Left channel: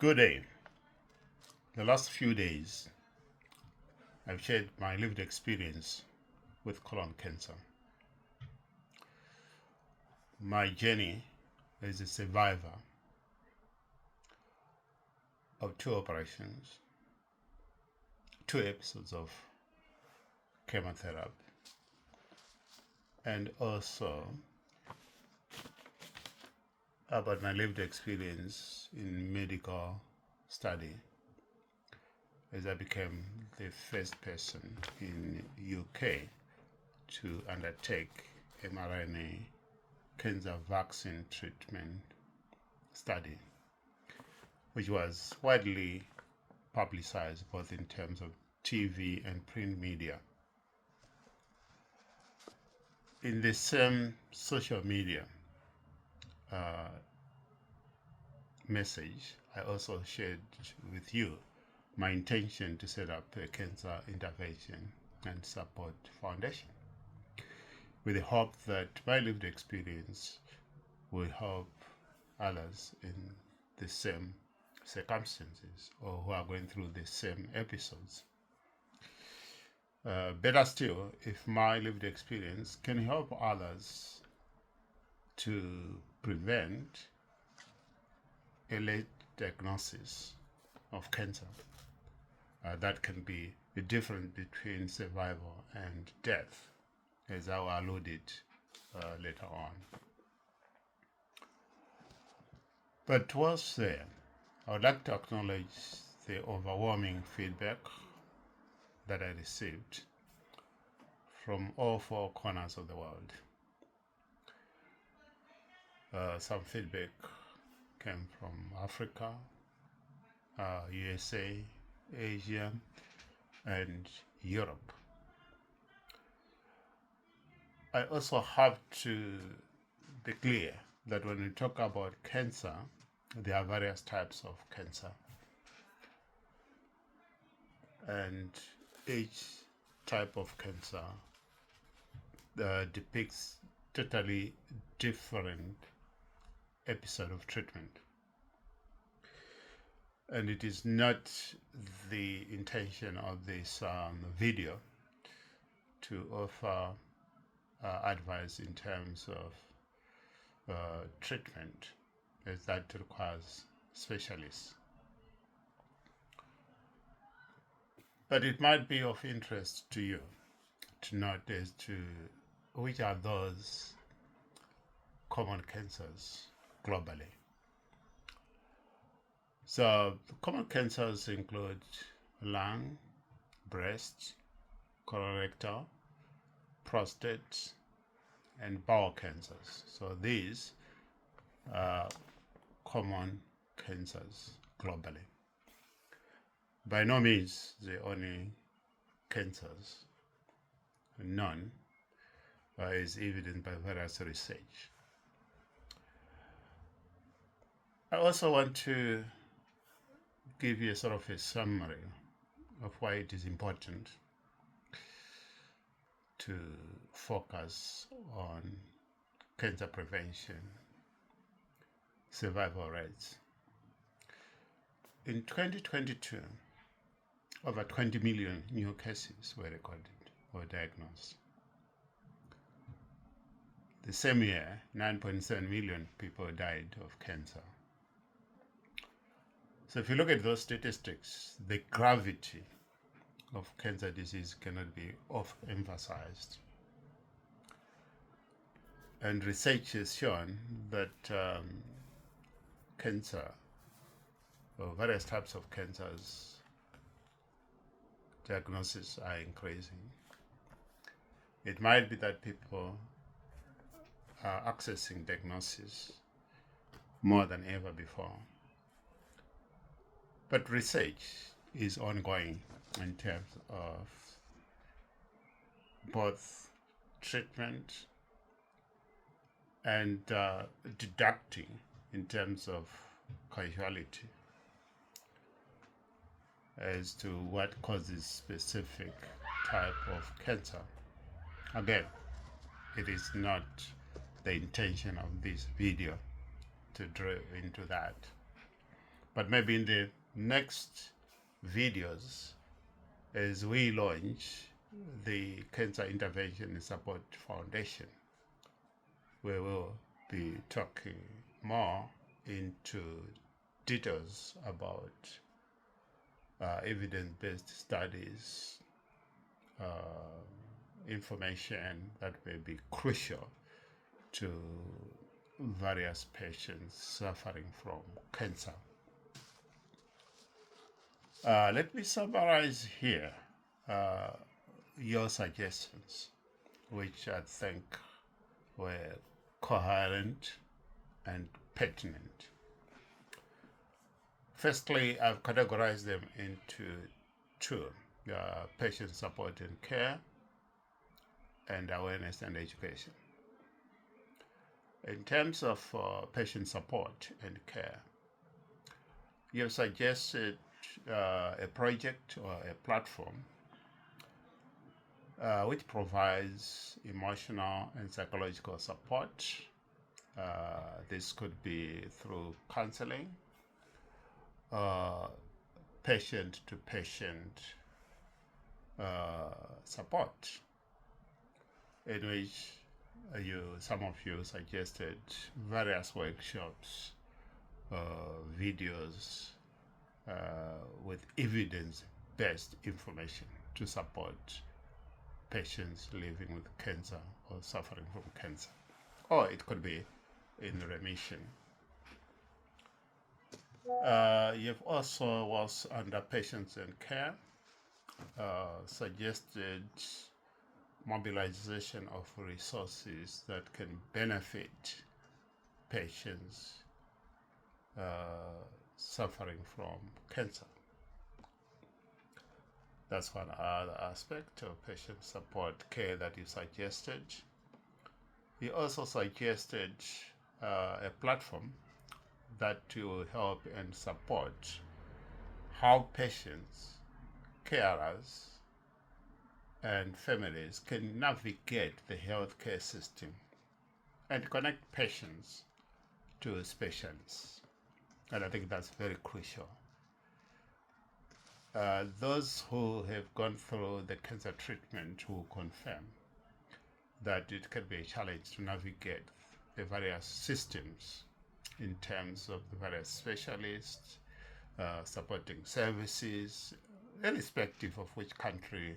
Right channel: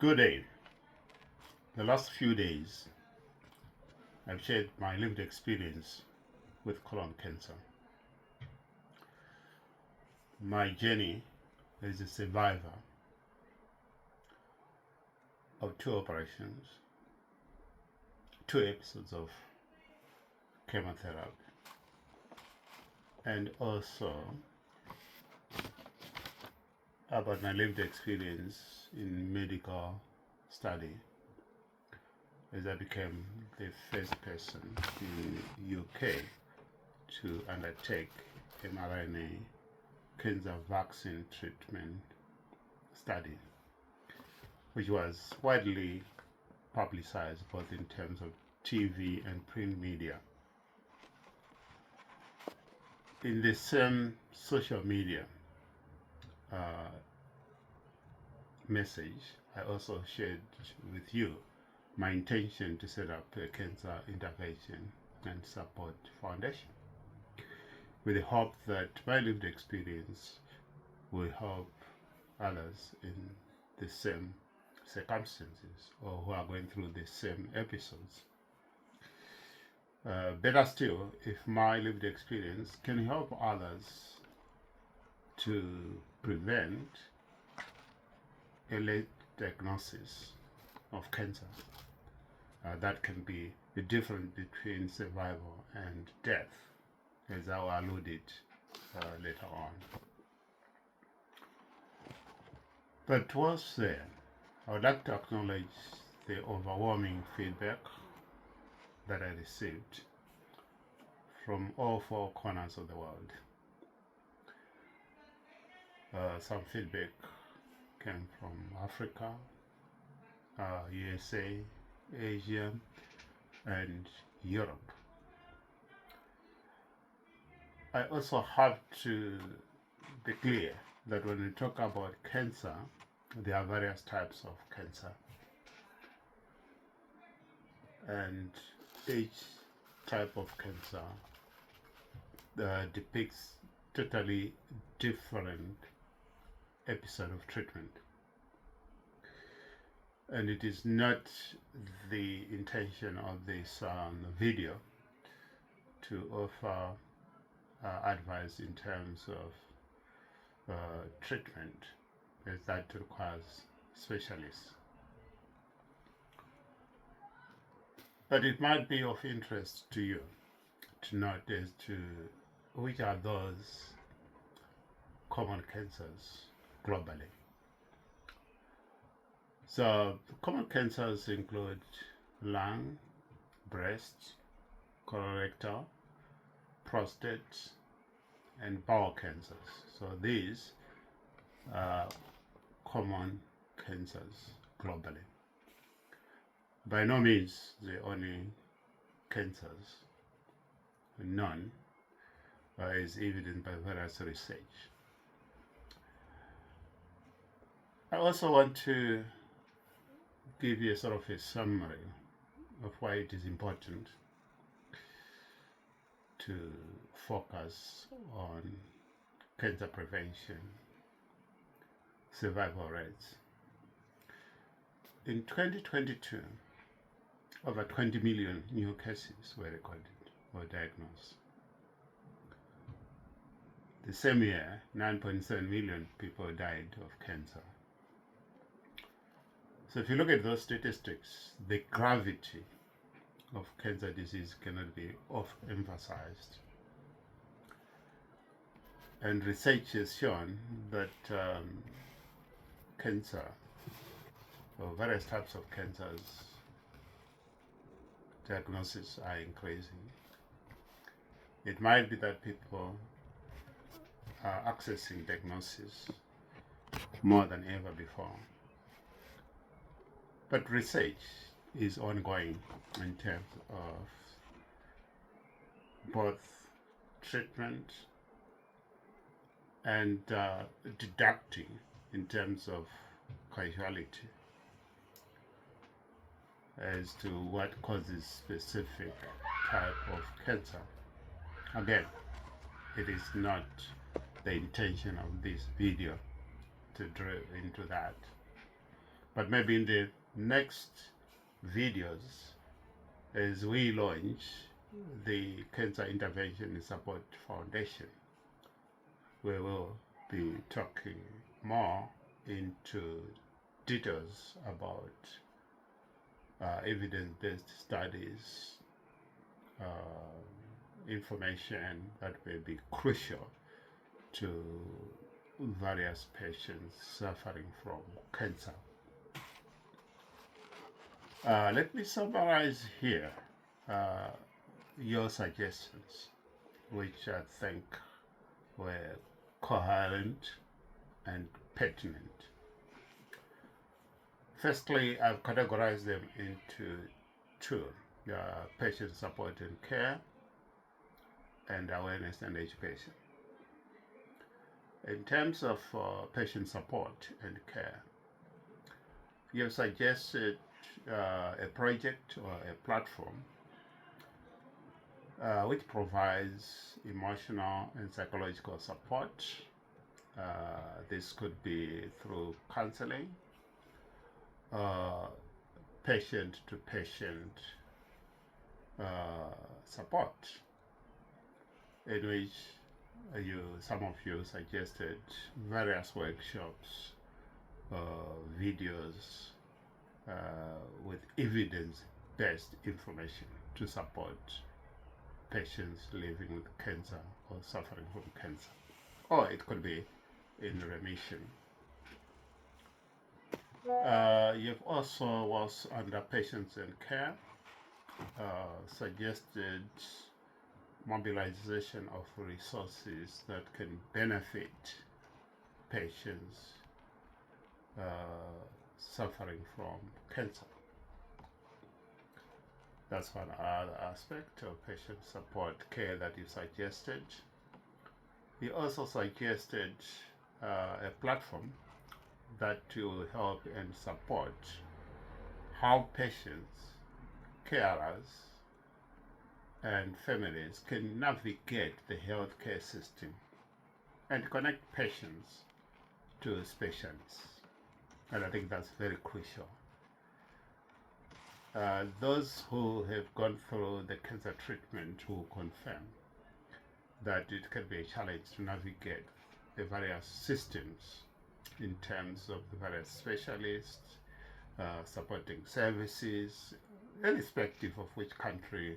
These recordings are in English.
Good day. The last few days, I've shared my lived experience with colon cancer. My journey as a survivor of 2 operations, 2 episodes of chemotherapy, and also about my lived experience in medical study as I became the first person in UK to undertake mRNA cancer vaccine treatment study, which was widely publicized both in terms of TV and print media. In the same social media message, I also shared with you my intention to set up a cancer intervention and support foundation with the hope that my lived experience will help others in the same circumstances or who are going through the same episodes. Better still, if my lived experience can help others to prevent a late diagnosis of cancer, that can be the difference between survival and death, as I will allude it later on. But towards there, I would like to acknowledge the overwhelming feedback that I received from all 4 corners of the world. Some feedback came from Africa, USA, Asia, and Europe. I also have to be clear that when we talk about cancer, there are various types of cancer, and each type of cancer depicts totally different episode of treatment. And it is not the intention of this video to offer advice in terms of treatment, as that requires specialists. But it might be of interest to you to note as to which are those common cancers globally. So common cancers include lung, breast, colorectal, prostate, and bowel cancers. So these are common cancers globally. By no means the only cancers. None is evident by various research. I also want to give you a sort of a summary of why it is important to focus on cancer prevention, survival rates. In 2022, over 20 million new cases were recorded or diagnosed. The same year, 9.7 million people died of cancer. So if you look at those statistics, the gravity of cancer disease cannot be overemphasized. And research has shown that cancer, or various types of cancers, diagnoses are increasing. It might be that people are accessing diagnosis more than ever before. But research is ongoing in terms of both treatment and deducting in terms of causality as to what causes specific type of cancer. Again, it is not the intention of this video to drill into that. But maybe in the next videos, as we launch the Cancer Intervention and Support Foundation, we will be talking more into details about evidence-based studies, information that may be crucial to various patients suffering from cancer. Let me summarize here your suggestions, which I think were coherent and pertinent. Firstly, I've categorized them into two: patient support and care, and awareness and education. In terms of patient support and care, you have suggested a project or a platform which provides emotional and psychological support. This could be through counseling, patient-to-patient support, in which some of you suggested various workshops, videos with evidence-based information to support patients living with cancer or suffering from cancer, or it could be in remission. You've also, was under patients and care, suggested mobilization of resources that can benefit patients suffering from cancer. That's one other aspect of patient support care that you suggested. You also suggested a platform that will help and support how patients, carers, and families can navigate the healthcare system and connect patients to specialists. And I think that's very crucial. Those who have gone through the cancer treatment will confirm that it can be a challenge to navigate the various systems in terms of the various specialists, supporting services, irrespective of which country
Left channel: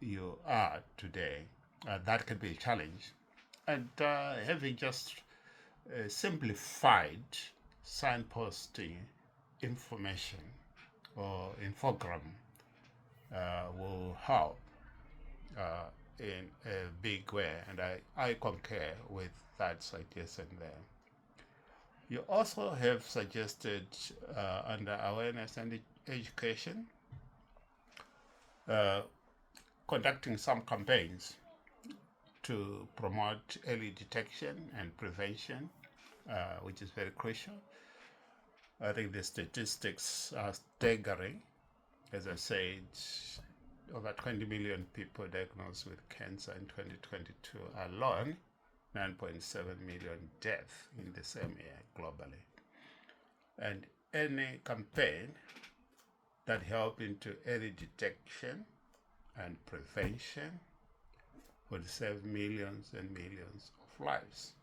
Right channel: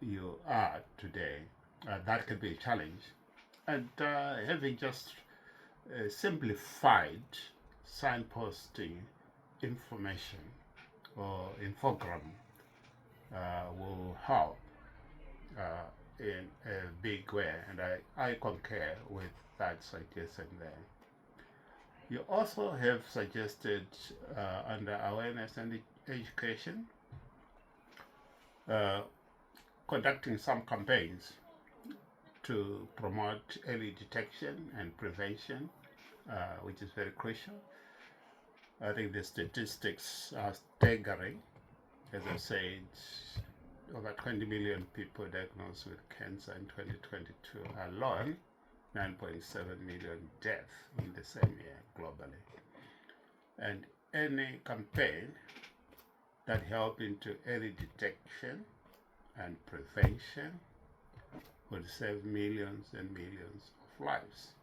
you are today. That can be a challenge. And having just simplified signposting information or infogram will help in a big way, and I concur with that suggestion there. You also have suggested under awareness and education, conducting some campaigns to promote early detection and prevention, which is very crucial. I think the statistics are staggering. As I said, over 20 million people diagnosed with cancer in 2022 alone, 9.7 million deaths in the same year globally. And any campaign that help into early detection and prevention would save millions and millions of lives.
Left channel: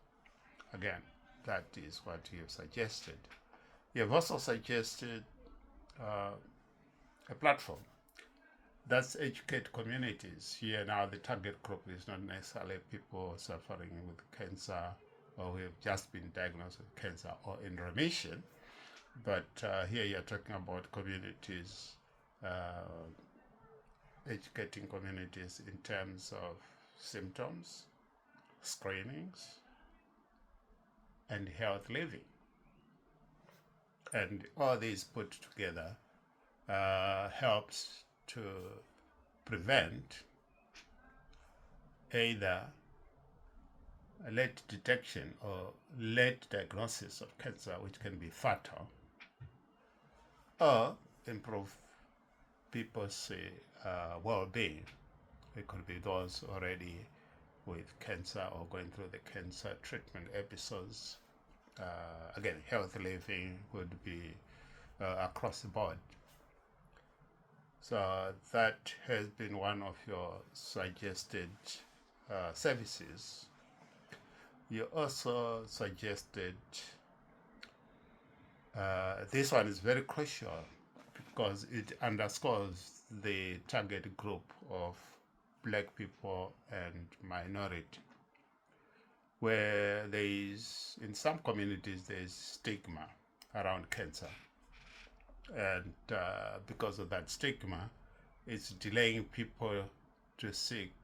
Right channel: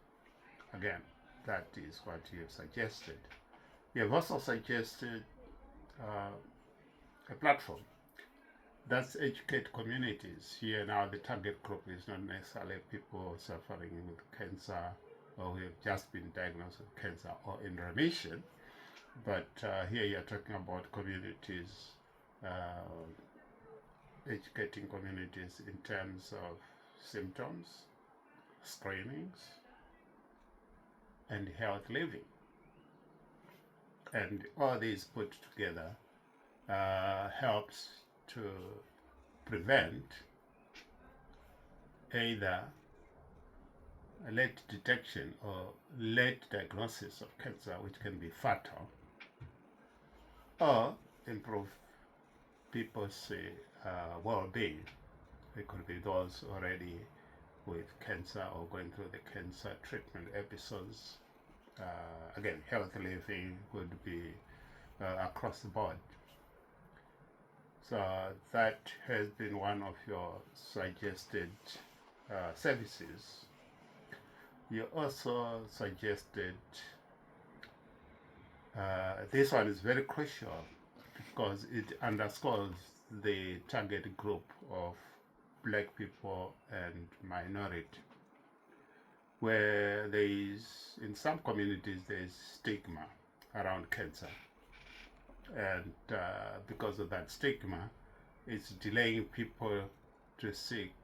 Again, that is what you have suggested. You have also suggested a platform that's educate communities. Here now the target group is not necessarily people suffering with cancer or who have just been diagnosed with cancer or in remission, but here you're talking about communities, educating communities in terms of symptoms, screenings, and health living. And all these put together helps to prevent either a late detection or late diagnosis of cancer, which can be fatal, or improve people's well-being. It could be those already with cancer or going through the cancer treatment episodes, again, healthy living would be across the board. So that has been one of your suggested services. You also suggested this one is very crucial because it underscores the target group of black people and minority, where there is, in some communities, there's stigma around cancer. And because of that stigma, it's delaying people to seek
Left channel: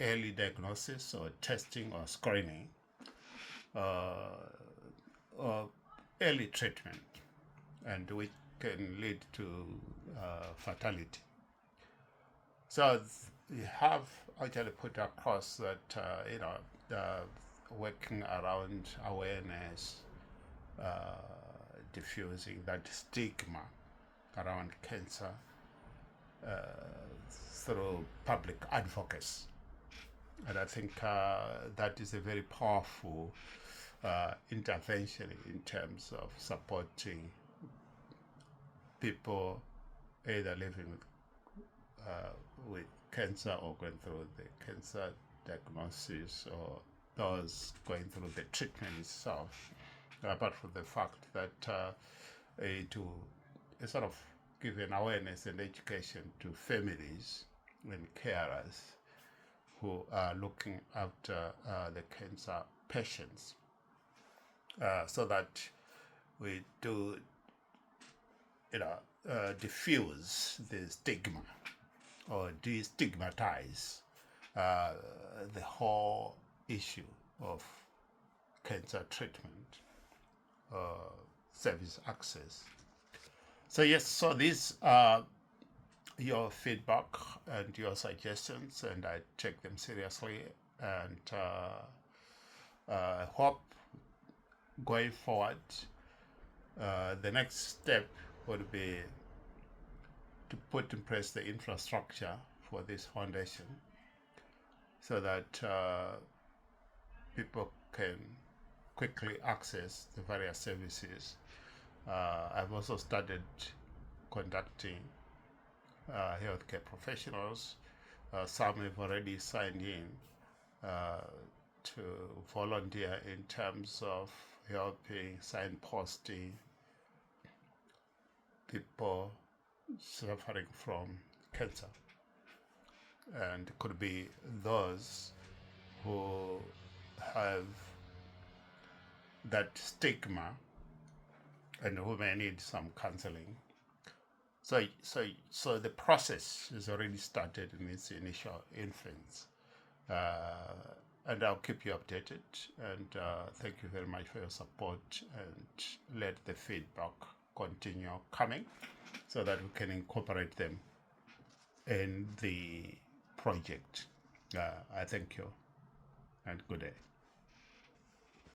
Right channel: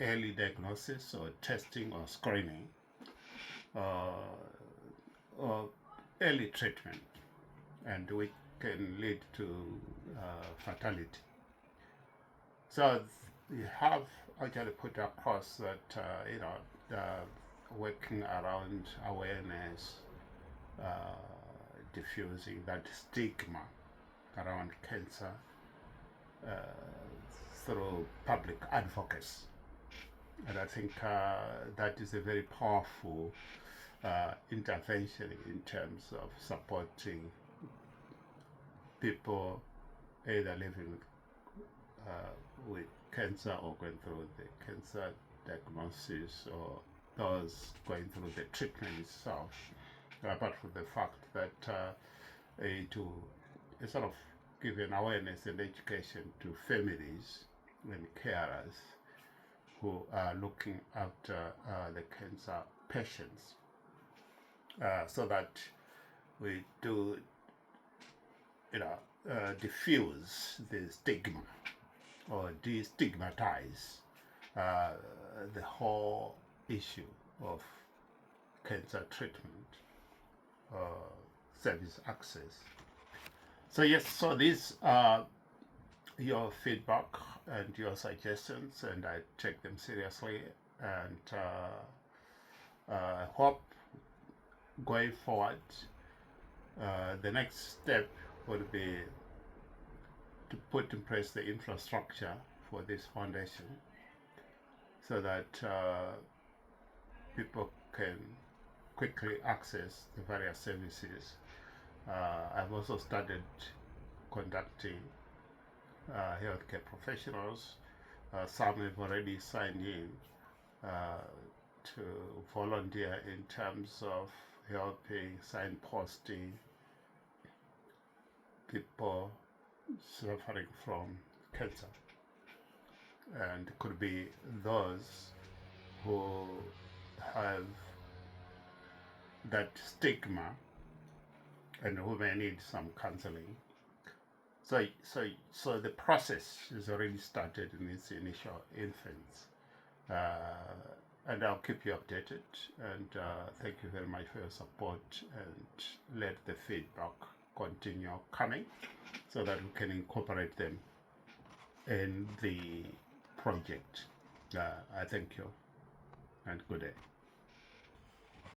early diagnosis or testing or screening or early treatment, and which can lead to fatality. So you have actually put across that working around awareness, diffusing that stigma around cancer through public advocacy. And I think that is a very powerful intervention in terms of supporting people either living with cancer or going through the cancer diagnosis, or those going through the treatment itself, apart from the fact that to sort of give an awareness and education to families and carers who are looking after the cancer patients, so that we do diffuse the stigma or destigmatize the whole issue of cancer treatment, service access. So yes, so these are your feedback and your suggestions, and I take them seriously, and hope going forward the next step would be to put in place the infrastructure for this foundation so that people can quickly access the various services. I've also started conducting healthcare professionals. Some have already signed in to volunteer in terms of helping signposting people suffering from cancer. And it could be those who have that stigma and who may need some counseling. So the process has already started in its initial infancy. And I'll keep you updated, and thank you very much for your support, and let the feedback continue coming so that we can incorporate them in the project. I thank you, and good day.